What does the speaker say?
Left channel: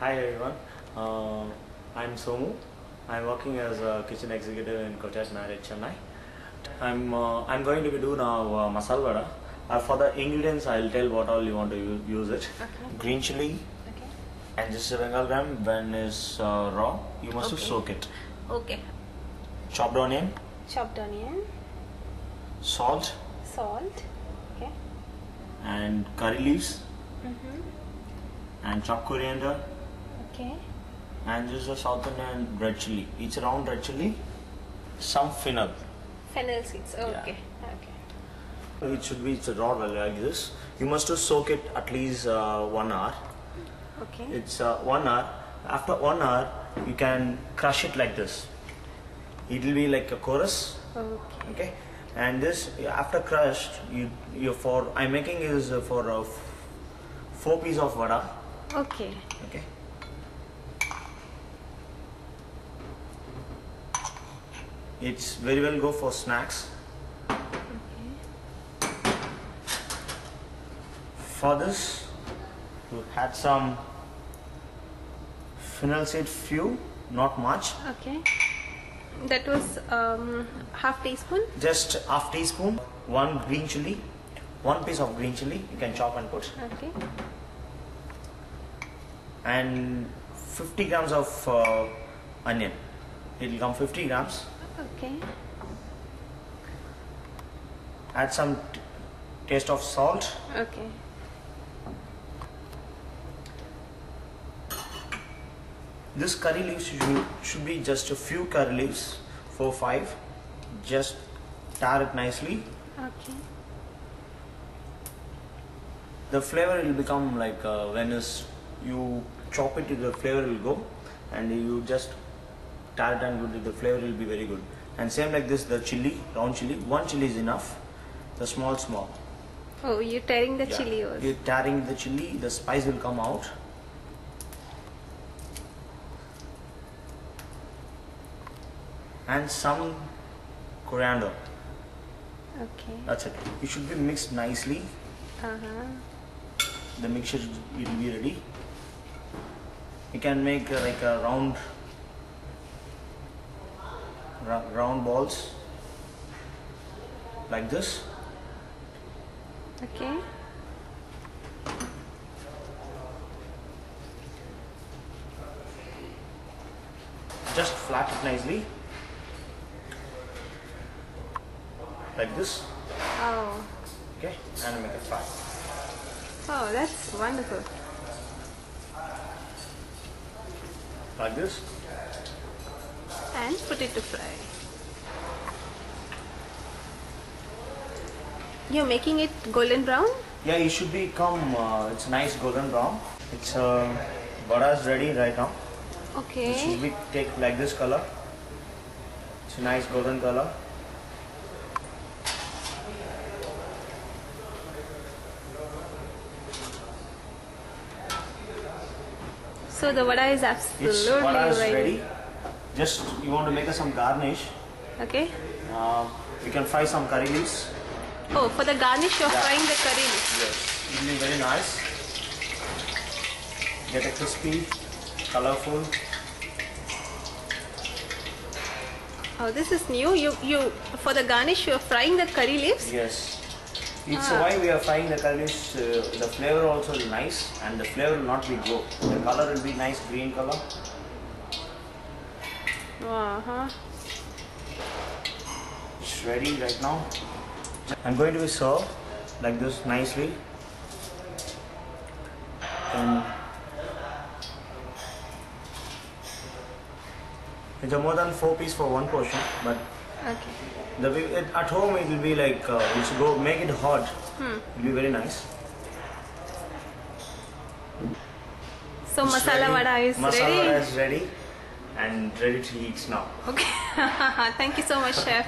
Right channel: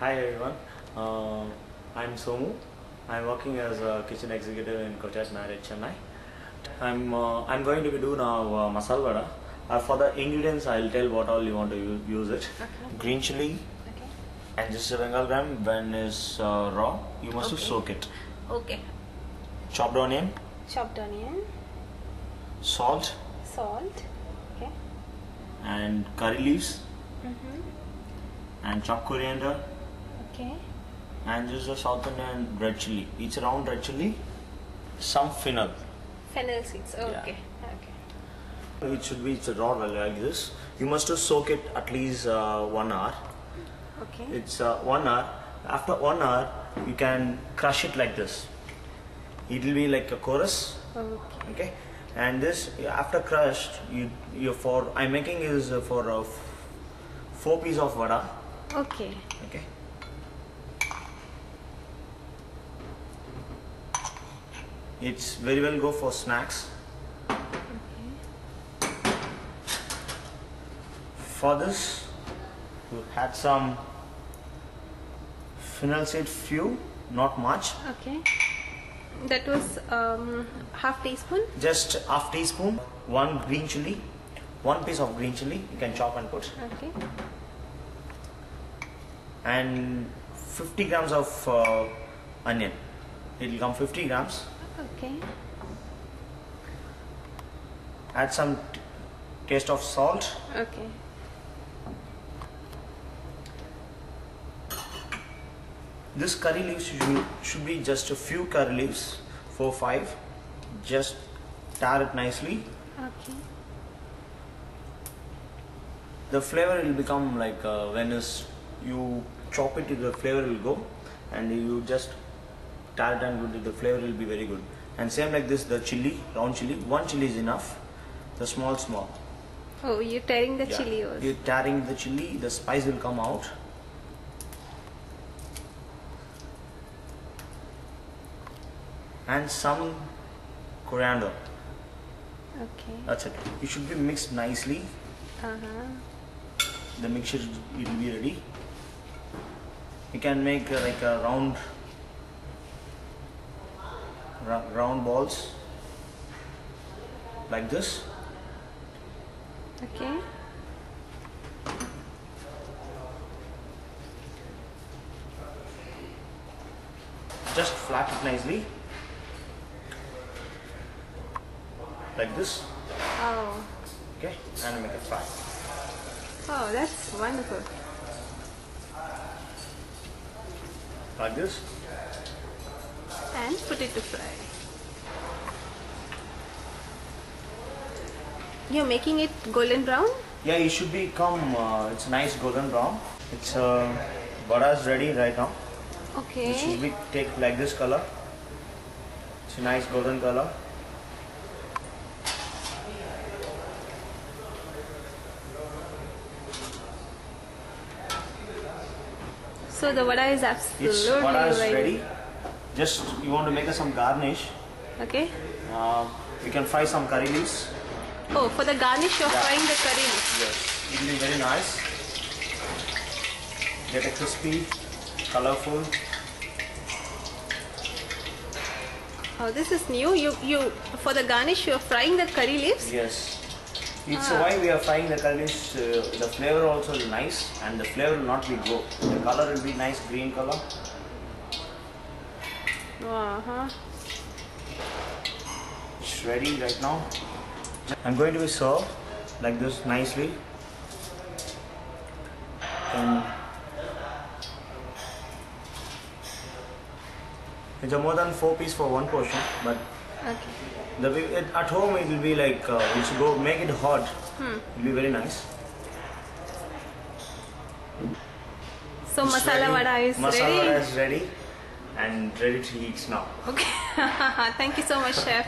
Hi everyone, I'm Somu. I'm working as a kitchen executive in Courtyard, Marriott, Chennai. I'm going to be doing now Masala Wada. For the ingredients, I'll tell what all you want to use it. Okay. Green chili, Okay. and just a bengal gram. When is raw, you must soak it. Okay. Chopped onion, Chopped onion, salt, salt. Okay. and curry leaves, and chopped coriander, Okay. and just a South Indian red chili. Each round red chili, some fennel. Fennel seeds. Okay. Okay. It should be raw like this. You must soak it at least 1 hour. Okay. It's 1 hour. After 1 hour, you can crush it like this. It will be like a coarse. Okay. Okay. And this after crushed, I'm making is for 4 pieces of vada. Okay. Okay. It's very well go for snacks. For this, you had some fennel seed, few, not much. Okay. That was half teaspoon. Just half teaspoon. 1 green chili, 1 piece of green chili. You can chop and put. Okay. And 50 grams of onion. It will come 50 grams. Okay. Add some taste of salt. Okay. This curry leaves should be just a few curry leaves, 4 5. Just tar it nicely. Okay. The flavor will become like when you chop it, the flavor will go, and you just tar it and the flavor will be very good. And same like this, the chili, round chili, 1 chili is enough. The small. Oh, you're tearing the Yeah. chili also. You're tearing the chili, the spice will come out. And some coriander. Okay. That's it. It should be mixed nicely. The mixture will be ready. You can make like a round balls like this. Okay. Just flat it nicely like this. Oh. Okay, and make it fry. Oh, that's wonderful. Like this. And put it to fry. You're making it golden brown? Yeah, it should become it's nice golden brown. It's vada is ready right now. Okay. It should be take like this color. It's a nice golden color. So the vada is absolutely Vada is ready. Just you want to make some garnish. Okay. You can fry some curry leaves. Oh, for the garnish you're frying the curry leaves. Yes, it will be very nice. Get a crispy, colorful. Oh, this is new. You for the garnish you're frying the curry leaves. Yes. It's why we are frying the curry leaves. The flavor also is nice, and the flavor will not be go. The color will be nice green color. It's ready right now. I'm going to be served like this nicely. And it's a more than 4 pieces for 1 portion, but Okay. at home it will be like you should go make it hot. It will be very nice. So It's masala ready. vada is Masala ready. vada is ready and ready to eat now. Okay. Thank you so much, chef.